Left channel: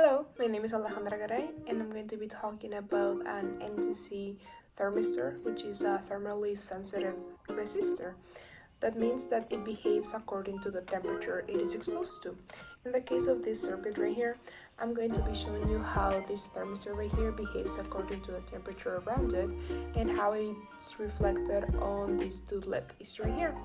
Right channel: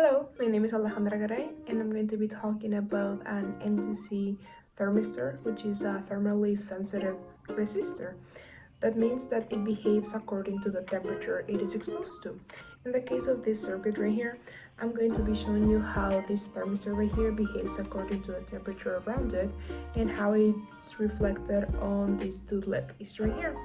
Hello, my name is Alejandra Garay and I'm going to be talking about an NTC thermistor, which is a thermally sensitive resistor. That means that it behaves according to the temperature it is exposed to. In the case of this circuit right here, I'm going to be showing you how this thermistor right here behaves according to the temperature around it and how it's reflected on these two LEDs right here.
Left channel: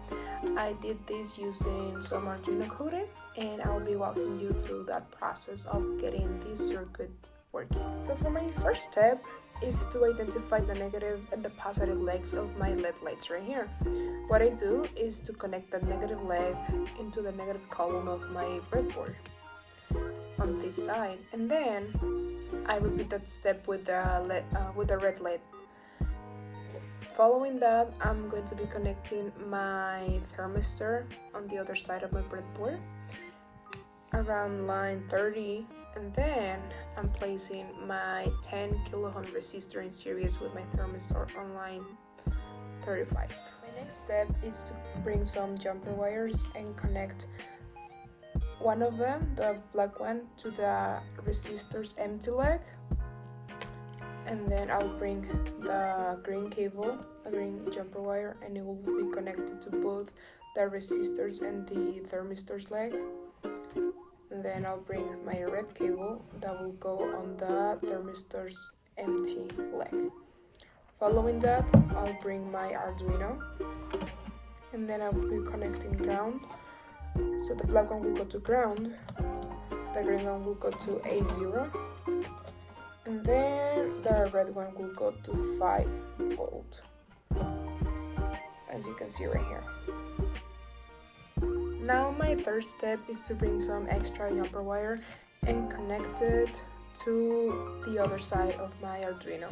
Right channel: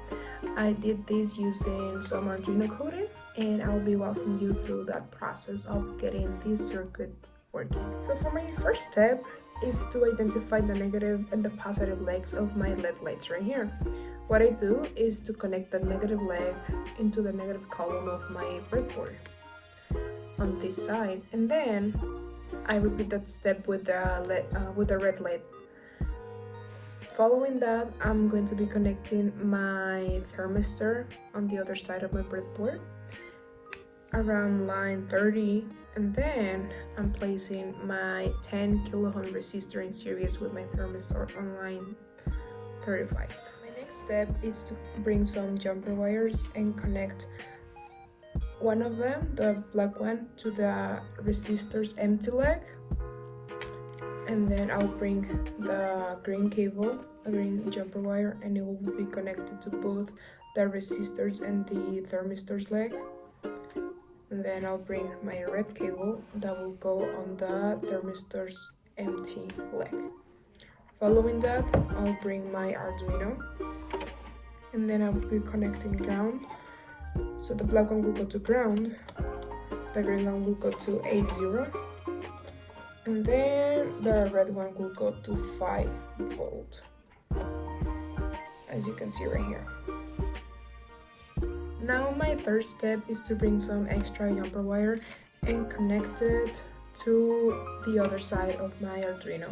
I did this using some Arduino coding and I'll be walking you through that process of getting this circuit working. So for my first step is to identify the negative and the positive legs of my LED lights right here. What I do is to connect the negative leg into the negative column of my breadboard on this side, and then I repeat that step with the red LED. Following that, I'm going to be connecting my thermistor on the other side of my breadboard around line 30, and then I'm placing my 10 kilo-ohm resistor in series with my thermistor on line 35. My next step is to bring some jumper wires and connect one of them, the black one, to the resistor's empty leg, and then I'll bring the green cable, a green jumper wire, and it will be connected to both the resistors and the thermistor's leg. And then I'll bring my red cable that will go on the thermistor's empty leg. Following that, I'll bring my Arduino, and then I'll be connecting ground. So the black one will go to ground, the green one will go to 8-0, and then the red one will go to 5 volt, as you can see right here. Now my third step is to bring some extra jumper wire and connect it to the other side of my Arduino.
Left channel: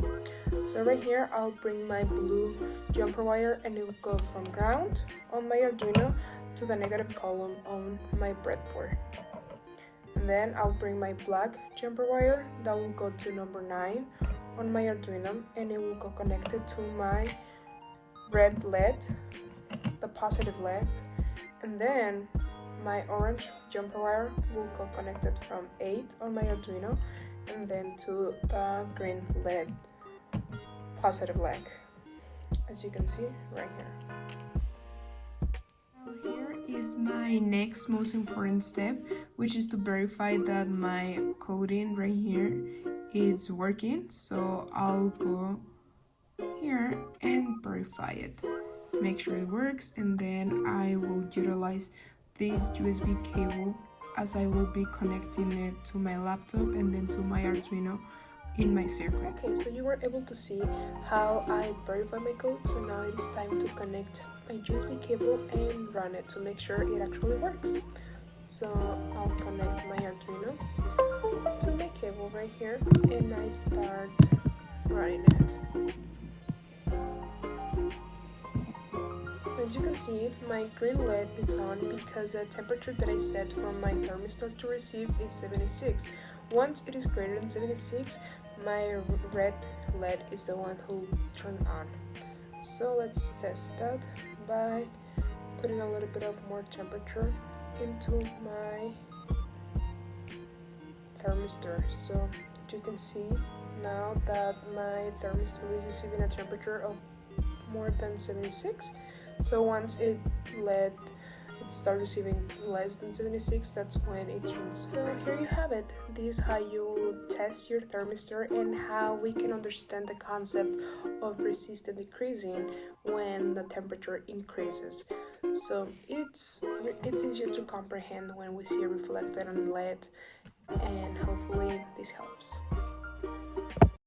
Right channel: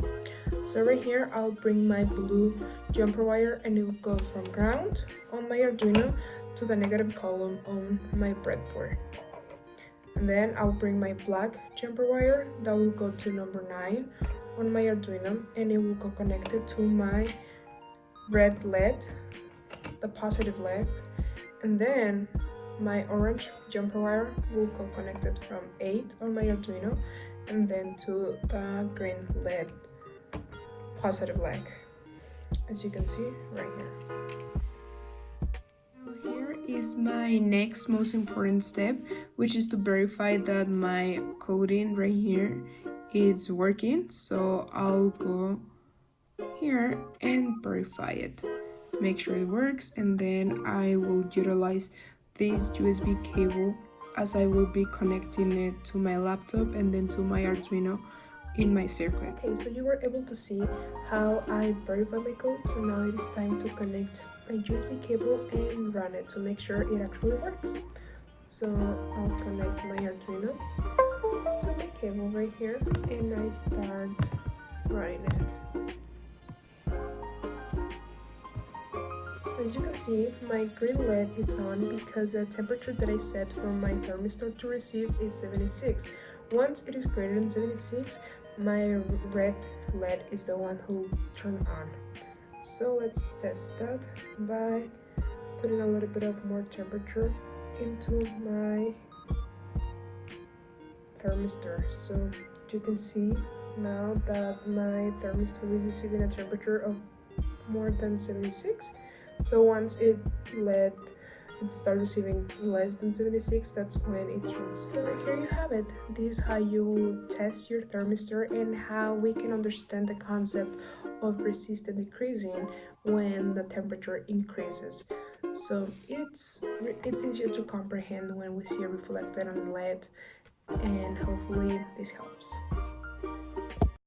So right here I'll bring my blue jumper wire and it will go from ground on my Arduino to the negative column on my breadboard. And then I'll bring my black jumper wire that will go to number 9 on my Arduino, and it will go connected to my red LED, the positive leg. And then my orange jumper wire will go connected from 8 on my Arduino and then to the green LED positive leg, as you can see right here. Now here is my next most important step, which is to verify that my coding right here is working. So I'll go here and verify it, make sure it works, and then I will utilize this USB cable as I will be connecting it to my laptop and then to my Arduino in my circuit. Okay, so you were able to see how I verify my code. So now it is time to connect my USB cable and run it to make sure it actually works. So I'll connect my Arduino to my cable right here and I start running it. As you can see, my green LED is on because the temperature that I set for my thermistor to receive is 76. Once it is greater than 76, my red LED is the one who will turn on. So let's test that by putting a little bit of more temperature into my thermistor. So you can see now that my thermistor is receiving a temperature of more than 76. So once it starts receiving less than 76, that's when it turns. So here you have it. This is how you test your thermistor and how we can understand the concept of resistance decreasing when the temperature increases. So it's easier to comprehend when we see it reflected on LED, and hopefully this helps.